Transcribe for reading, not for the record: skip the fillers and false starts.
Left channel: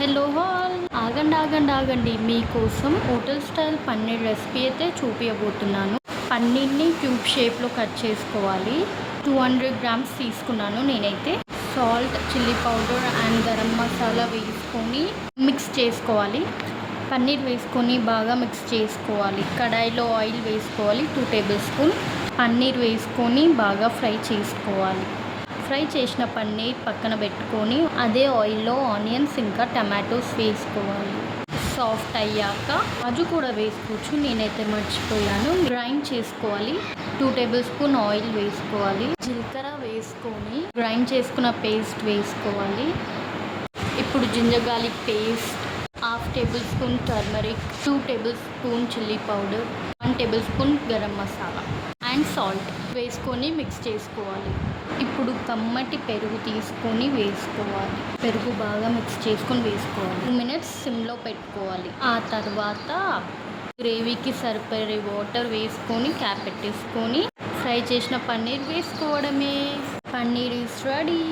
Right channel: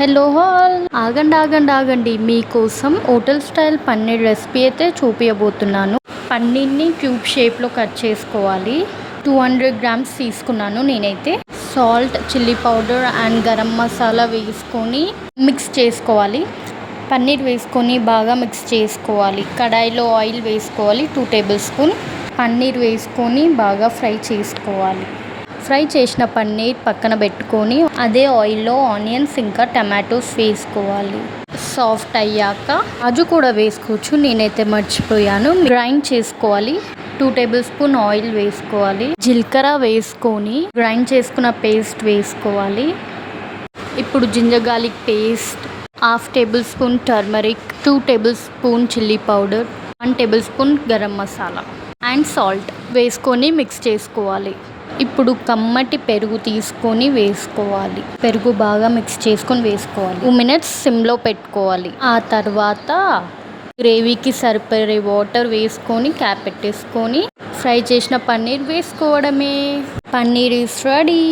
Hello all, ఆగండి ఆగండి ఆగండి, మీకోసం హోటల్ స్టైల్ పన్నీర్ రెసిపీ అయితే చూపించబోతున్నాను. పన్నీర్ని క్యూబ్ షేప్లో కట్ చేసుకోవాలి. 200 గ్రామ్స్ తీసుకున్నాను నేనైతే. Salt, chilli powder and garam masala వేసుకొని మిక్స్ చేసుకోవాలి. పన్నీర్ వేసుకొని బాగా మిక్స్ చేసుకోవాలి. కడాయిలో ఆయిల్ వేసుకోవాలి 2 టేబుల్ స్పూన్. పన్నీర్ వేసుకొని బాగా ఫ్రై చేసుకోవాలి. ఫ్రై చేసిన పన్నీర్ పక్కన పెట్టుకొని అదే ఆయిల్లో ఆనియన్స్ ఇంకా టమాటోస్ వేసుకోవాలి. సాఫ్ట్ అయ్యాక కాజు కూడా వేసుకోవచ్చు, నేనైతే మర్చిపోయాను. గ్రైండ్ చేసుకోవాలి. 2 టేబుల్ స్పూన్ ఆయిల్ వేసుకోవాలి. జీలకర్ర వేసుకొని గ్రైండ్ చేసుకున్న పేస్ట్ వేసుకోవాలి. ఇప్పుడు ginger garlic paste, 1/2 tablespoon turmeric, 2 tablespoon chilli powder, 1 tablespoon garam masala and salt వేసుకొని మిక్స్ చేసుకోవాలి. ఇప్పుడు కమ్మటి పెరుగు తీసుకొని వేసుకోవాలి. పెరుగు బాగా మిక్స్ చేసుకొని వేసుకోవాలి. 2 మినిట్స్ సిమ్లో పెట్టుకోవాలి. ఆ తర్వాత గ్రేవీకి సరిపడే వాటర్ వేసుకొని క్యాప్ పెట్టేసుకొని ఫ్రై చేసిన పన్నీర్ వేసుకోవడమే. Paneer is ready.